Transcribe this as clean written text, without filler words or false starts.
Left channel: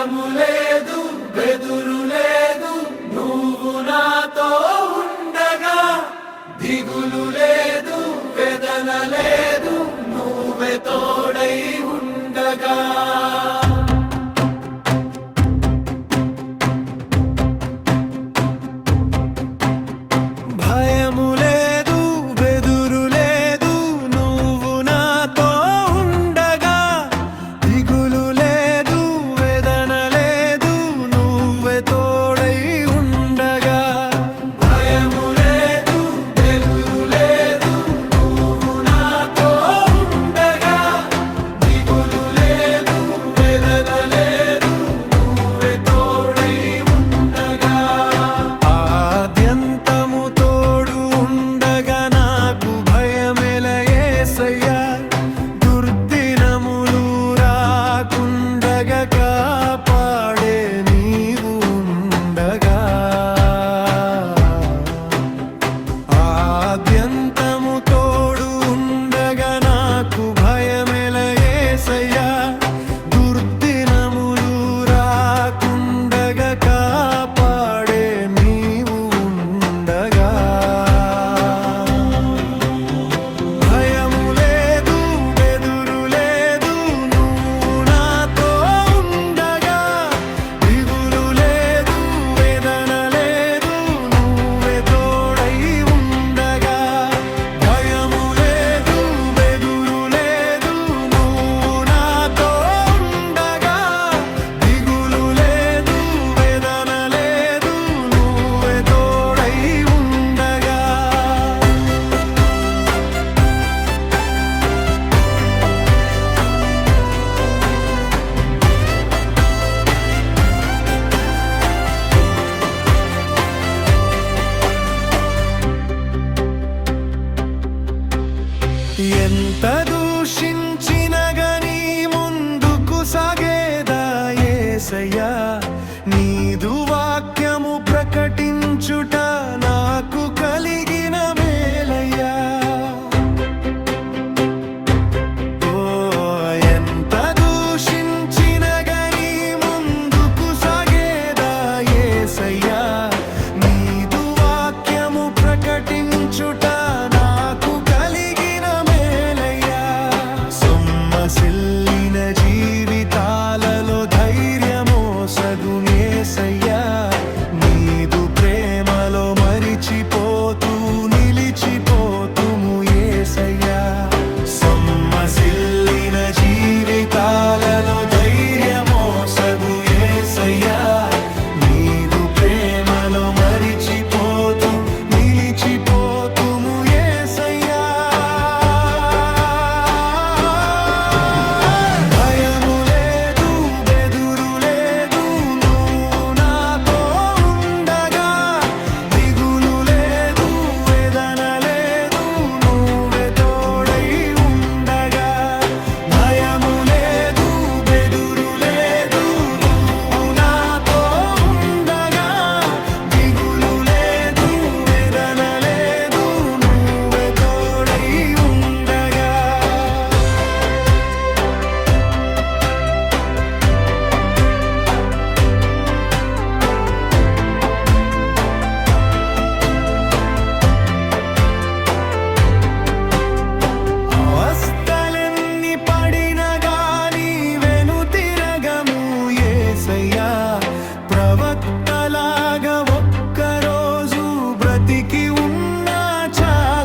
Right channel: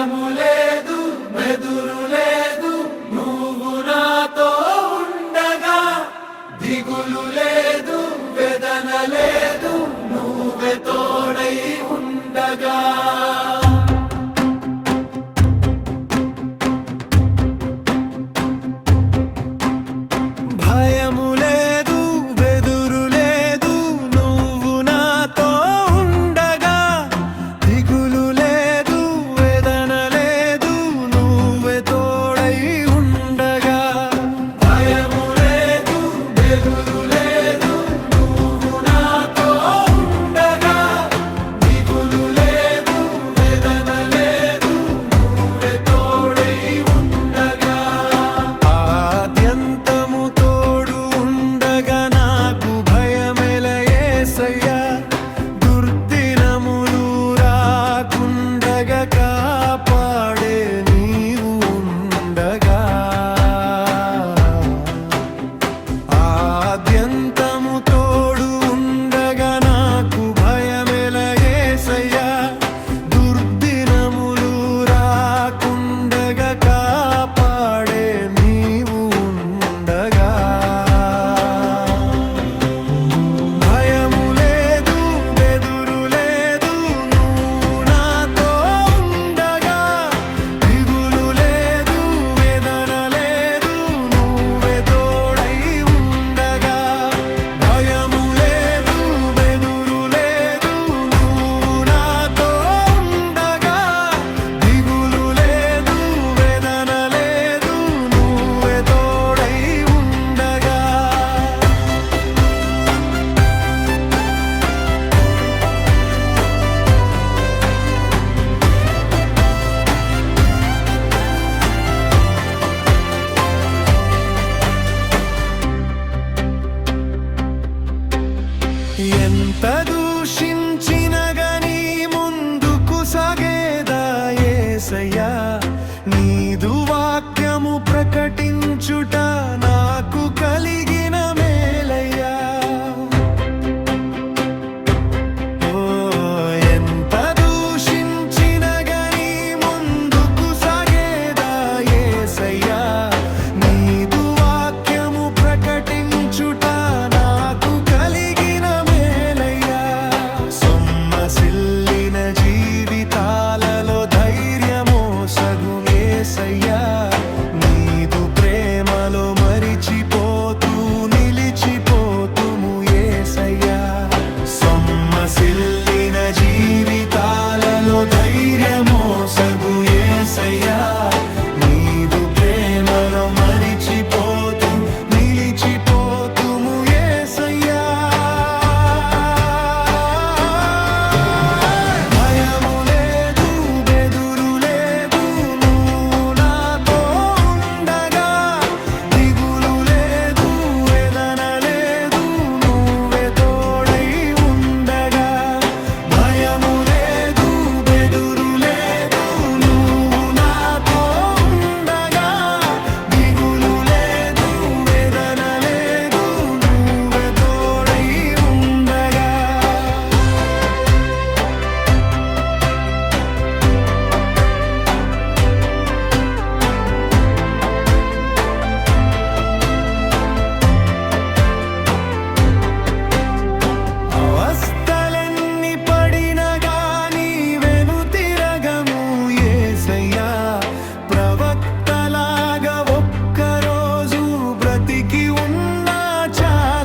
భయము లేదు బెదురు లేదు నువ్వు నాతో ఉండగా దిగులు లేదు వేదన లేదు నువ్వే తోడై ఉండగా భయము లేదు బెదురు లేదు నువ్వు నాతో ఉండగా దిగులు లేదు వేదన లేదు నువ్వే తోడై ఉండగా భయము లేదు బెదురు లేదు నువ్వు నాతో ఉండగా దిగులు లేదు వేదన లేదు నువ్వే తోడై ఉండగా ఆద్యంతము తోడు ఉండగా నాకు భయమెల యేసయ్యా దుర్దినములు రాకుండగా కాపాడే నీవు ఉండగా ఆద్యంతము తోడు ఉండగా నాకు భయమెల యేసయ్యా దుర్దినములు రాకుండగా కాపాడే నీవు ఉండగా భయము లేదు బెదురు లేదు నువ్వు నాతో ఉండగా దిగులు లేదు వేదన లేదు నువ్వే తోడై ఉండగా భయము లేదు బెదురు లేదు నువ్వు నాతో ఉండగా దిగులు లేదు వేదన లేదు నువ్వే తోడై ఉండగా ఎంత దూషించిన గని ముందుకు సాగేదా యేసయ్యా నీదు వాక్యము ప్రకటించుట నాకు కలిగిన మేలయ్యా ఓ ఎంత దూషించిన గని ముందుకు సాగేదా యేసయ్యా నీదు వాక్యము ప్రకటించుట నాకు కలిగిన మేలయ్యా సొమ్మసిల్లిన జీవితాలలో ధైర్యమో సగు యేసయ్యా నీదు ప్రేమలో మరిచిపోతూ నిలిచిపోతుము యేసయ్యా సొమ్మసిల్లిన జీవితాలలో ధైర్యమో సగు యేసయ్యా నీదు ప్రేమలో మరిచిపోతూ నిలిచిపోతుము యేసయ్యా భయము లేదు బెదురు లేదు నువ్వు నాతో ఉండగా దిగులు లేదు వేదన లేదు నువ్వే తోడై ఉండగా భయము లేదు బెదురు లేదు నువ్వు నాతో ఉండగా దిగులు లేదు వేదన లేదు నువ్వే తోడై ఉండగా అవస్థలెన్ని పడినా గాని వెనుతిరగము యేసయ్యా ప్రవక్తలాగా ఒక్కరోజు బ్రతికి ఉన్నా చాలు